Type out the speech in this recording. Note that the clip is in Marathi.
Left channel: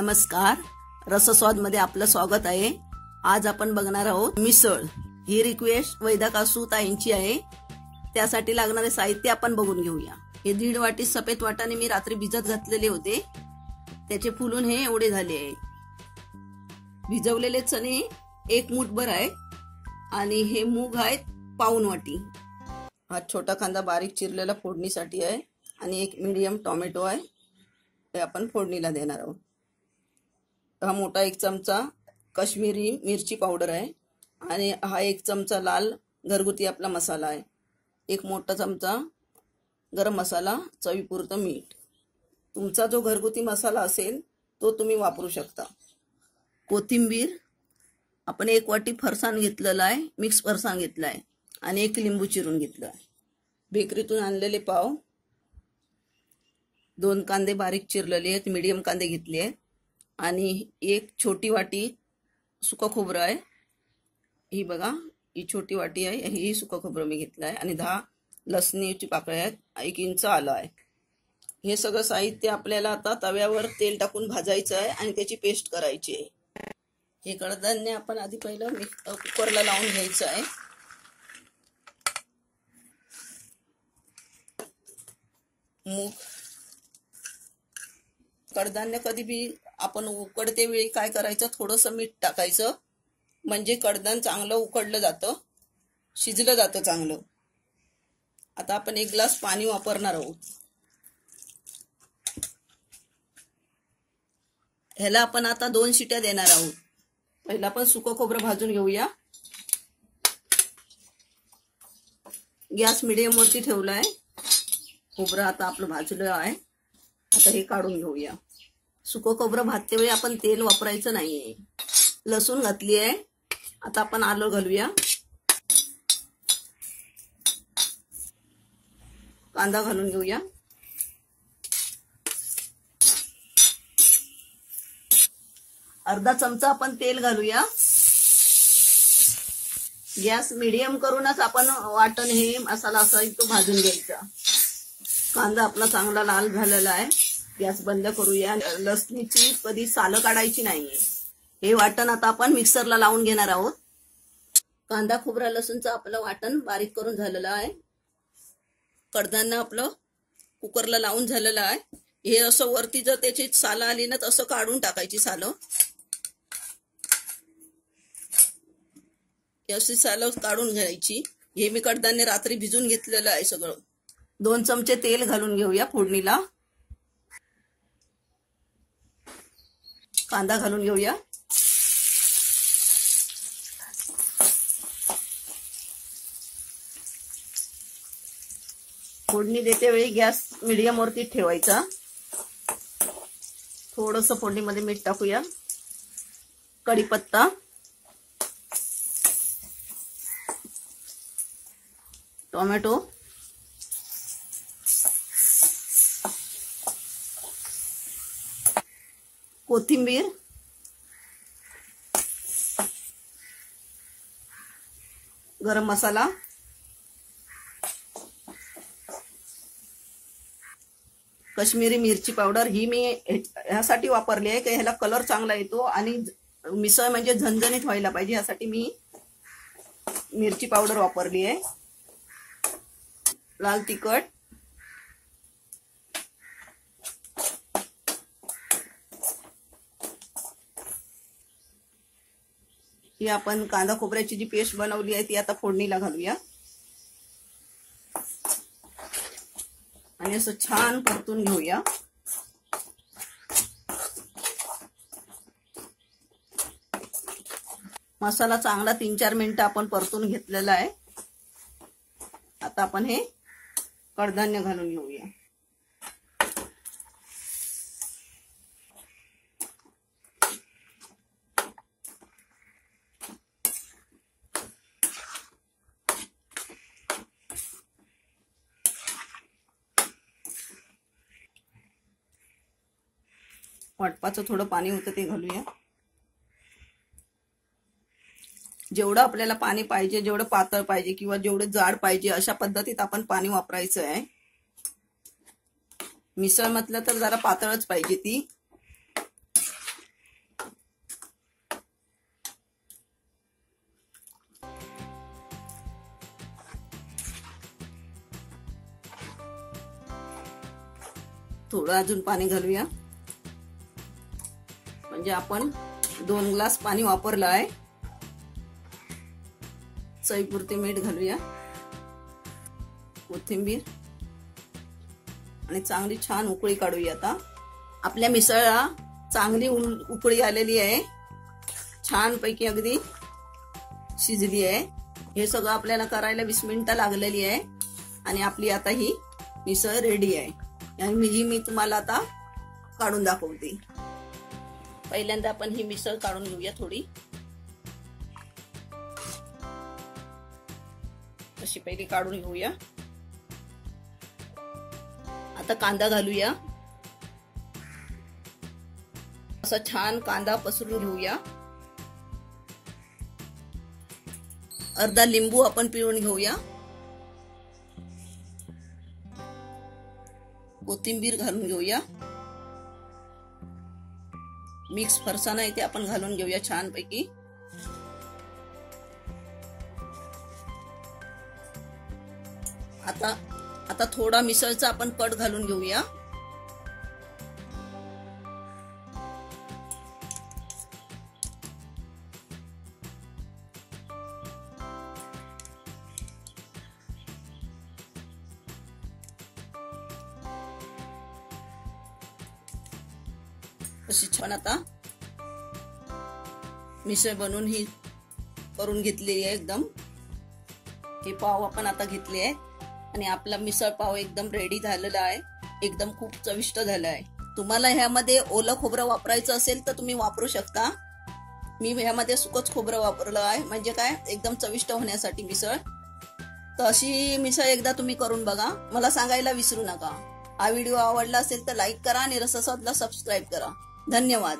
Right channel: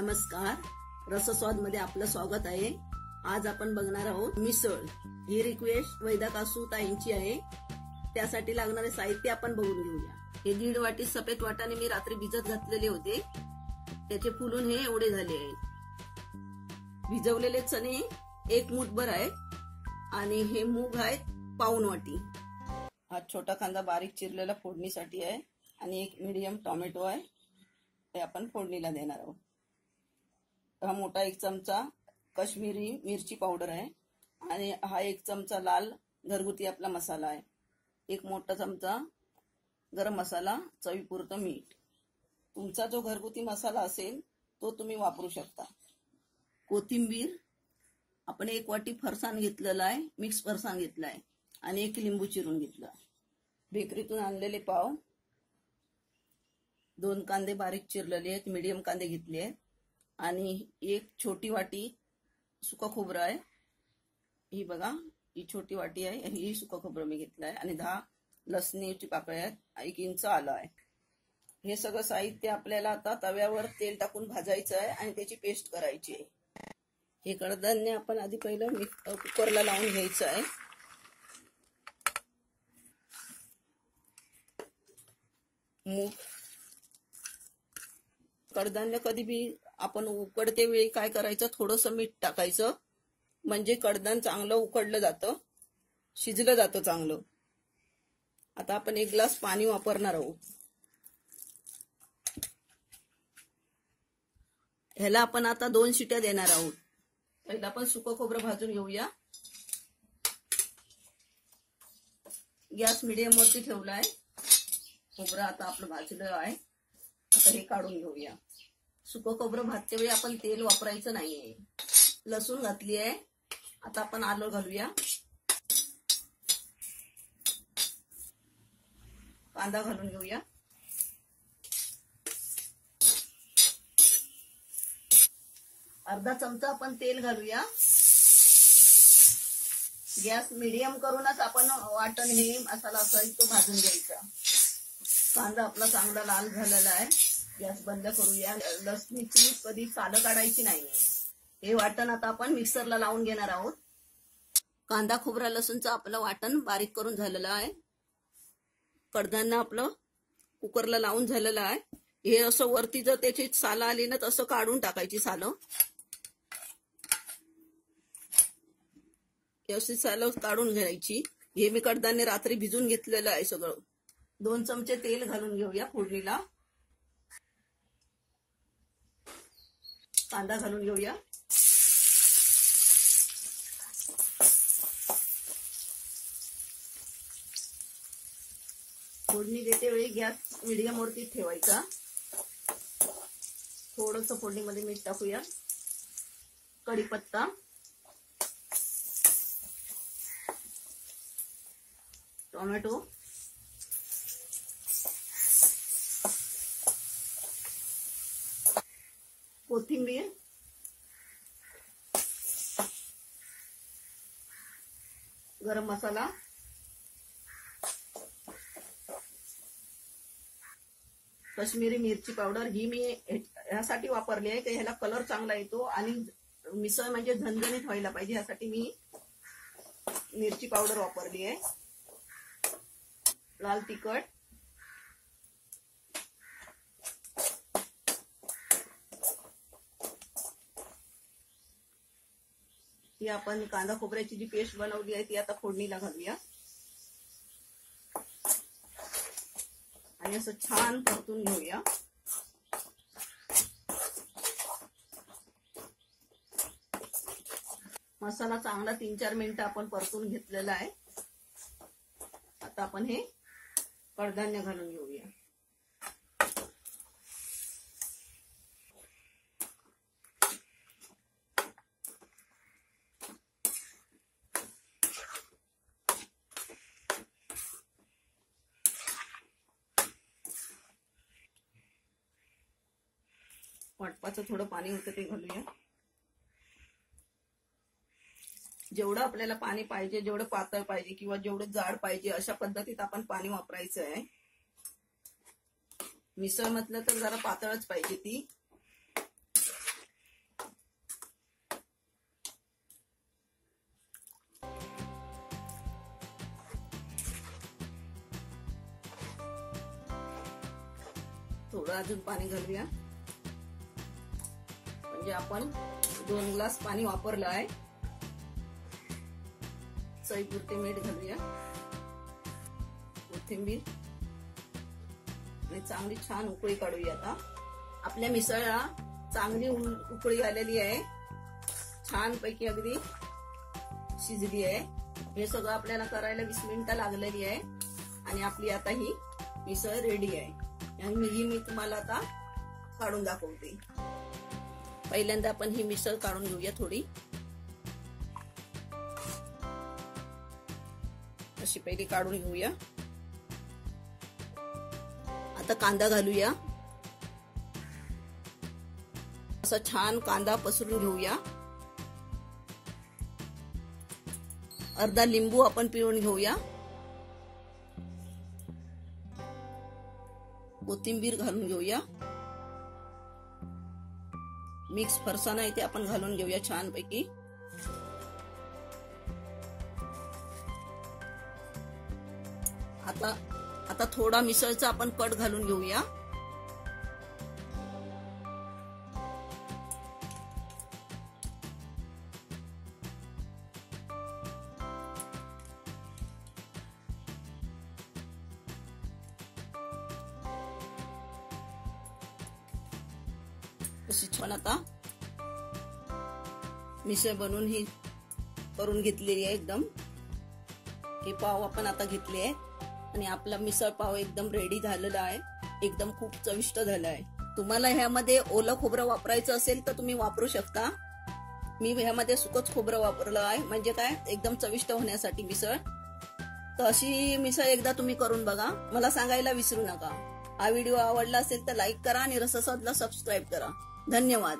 नमस्कार, रसस्वाद मध्ये आपलं स्वागत आहे। आज आपण बघणार आहोत मिसळ। ही रिक्वेस्ट वैदाकासू ताईंची आहे। त्यासाठी लागणारे साहित्य आपण बघून घेऊया। हे 1.5 वाटी सफेद वाटाणे मी रात्री भिजत घातलेले होते, त्याचे फुलून हे एवढे झाले आहेत। भिजवलेले चणे 1 मूठभर आहे आणि हे मूग आहेत पाऊण वाटी। हा छोटा कांदा बारीक चिरलेला फोडणीसाठी आहे आणि एक मीडियम टोमॅटो आहे, ते आपण फोडणीला देणार आहोत। हा मोठा 1 चमचा काश्मीरी मिरची पावडर आहे आणि हा 1 चमचा लाल घरगुती आपला मसाला आहे। 1 मोठा चमचा गरम मसाला, चवीपुरतं मीठ। तुमचा जो घरगुती मसाला असेल तो तुम्ही वापरू शकता। कोथिंबीर आपण 1 वाटी फरसाण घेतलेला आहे, मिक्स फरसाण घेतला आहे आणि 1 लिंबू चिरून घेतला आहे। बेकरीतून आणलेले पाव, 2 कांदे बारीक चिरलेले आहेत, मीडियम कांदे घेतले आहेत आणि 1 छोटी वाटी सुका खोबरं आहे। ही बघा, ही छोटी वाटी आहे, ही सुका खोबरं मी घेतलं आहे आणि 10 लसणीची पाकळ्या आहेत, 1 इंच आलं आहे। हे सगळं साहित्य आपल्याला आता तव्यावर तेल टाकून भाजायचं आहे आणि त्याची पेस्ट करायची आहे। हे कडधान्य आपण आधी पहिलं कुकरला लावून घ्यायचं आहे। मूग, कडधान्य कधी भी आपण उकडते वेळी काय करायचं, थोडंसं मीठ टाकायचं, म्हणजे कडधान्य चांगलं उकडलं जातं, शिजलं जातं चांगलं। आता आपण 1 ग्लास पाणी वापरणार आहोत। ह्याला आपण आता 2 शिट्या देणार आहोत। पहिला आपण सुकं खोबरं भाजून घेऊया। गॅस मीडियम वरती ठेवला आहे। खोबरं आता आपलं भाजलं आहे, आता हे काढून घेऊया। सुकं खोबरं भाजते वेळी आपण तेल वापरायचं नाहीये। लसूण घातली आहे, आता आपण आलं घालूया। कांदा घालून घेऊया। अर्धा चमचा आपण तेल घालूया। गॅस मीडियम करूनच आपण वाटण हे मसाला असा तो भाजून घ्यायचा। कांदा आपला चांगला लाल झालेला आहे, गॅस बंद करूया। लसणीची कधी सालं काढायची नाहीये। हे वाटण आता आपण मिक्सरला लावून घेणार आहोत। कांदा खोबरा लसूणचं आपलं वाटण बारीक करून झालेलं आहे। कडधान्य आपलं कुकरला लावून झालेलं आहे। हे असं वरती जर त्याची सालं आली ना, तसं काढून टाकायची सालं। अशी सालं काढून घ्यायची। हे मी कडधान्य रात्री भिजून घेतलेलं आहे सगळं। 2 चमचे तेल घालून घेऊया फोडणीला। कांदा घालून घेऊया। फोडणी देते वेळी गॅस मीडियम वरती ठेवायचा। थोडंसं फोडणीमध्ये मीठ टाकूया, कढीपत्ता, टोमॅटो, कोथिंबीर, गरम मसाला, काश्मीरी मिरची पावडर। ही मी ह्यासाठी वापरली आहे की ह्याला कलर चांगला येतो आणि मिसळ म्हणजे झणझणीत व्हायला पाहिजे, यासाठी मी मिरची पावडर वापरली आहे। लाल तिखट, ही आपण कांदा खोबऱ्याची जी पेस्ट बनवली आहे ती आता फोडणीला घालूया आणि असं छान परतून घेऊया। मसाला चांगला 3-4 मिनिटं आपण परतून घेतलेला आहे। आता आपण हे कडधान्य घालून घेऊया। वाटपाचं थोडं पाणी होतं ते घालूया। जेवढं आपल्याला पाणी पाहिजे, जेवढं पातळ पाहिजे किंवा जेवढं जाड पाहिजे अशा पद्धतीत आपण पाणी वापरायचं आहे। मिसळ म्हटलं तर जरा पातळच पाहिजे ती। थोडं अजून पाणी घालूया. म्हणजे आपण 2 ग्लास पाणी वापरलं आहे. चवीपुरते मीठ घालूया, कोथिंबीर आणि चांगली छान उकळी काढूया. आता आपल्या मिसळला चांगली उकळी आलेली आहे. छान पैकी अगदी शिजली आहे. हे सगळं आपल्याला करायला 20 मिनिटं लागलेली आहे आणि आपली आता ही मिसळ रेडी आहे. ही मी तुम्हाला आता काढून दाखवते. पहिल्यांदा आपण ही मिसळ काढून घेऊया. थोडी अशी पहिली काढून घेऊया. आता कांदा घालूया. असा छान कांदा पसरून घेऊया. अर्धा लिंबू आपण पिळून घेऊया. कोथिंबीर घालून घेऊया. मिक्स फरसाणा इथे आपण घालून घेऊया छान पैकी. आता थोडा मिसळचा आपण कट घालून घेऊया. अशी छान आता मिसळ बनवून ही करून घेतलेली आहे एकदम. हे पाव आपण आता घेतले आहे आणि आपला मिसळ पाव एकदम रेडी झालेला आहे. एकदम खूप चविष्ट झाला आहे. तुम्हाला ह्यामध्ये ओलं खोबरं वापरायचं असेल तर तुम्ही वापरू शकता. मी ह्यामध्ये सुकच खोबरं वापरलं आहे. म्हणजे काय, एकदम चविष्ट होण्यासाठी मिसळ. तर अशी मिसळ एकदा तुम्ही करून बघा. मला सांगायला विसरू नका. हा व्हिडिओ आवडला असेल तर लाईक करा आणि रसस्वादला सबस्क्राईब करा. धन्यवाद.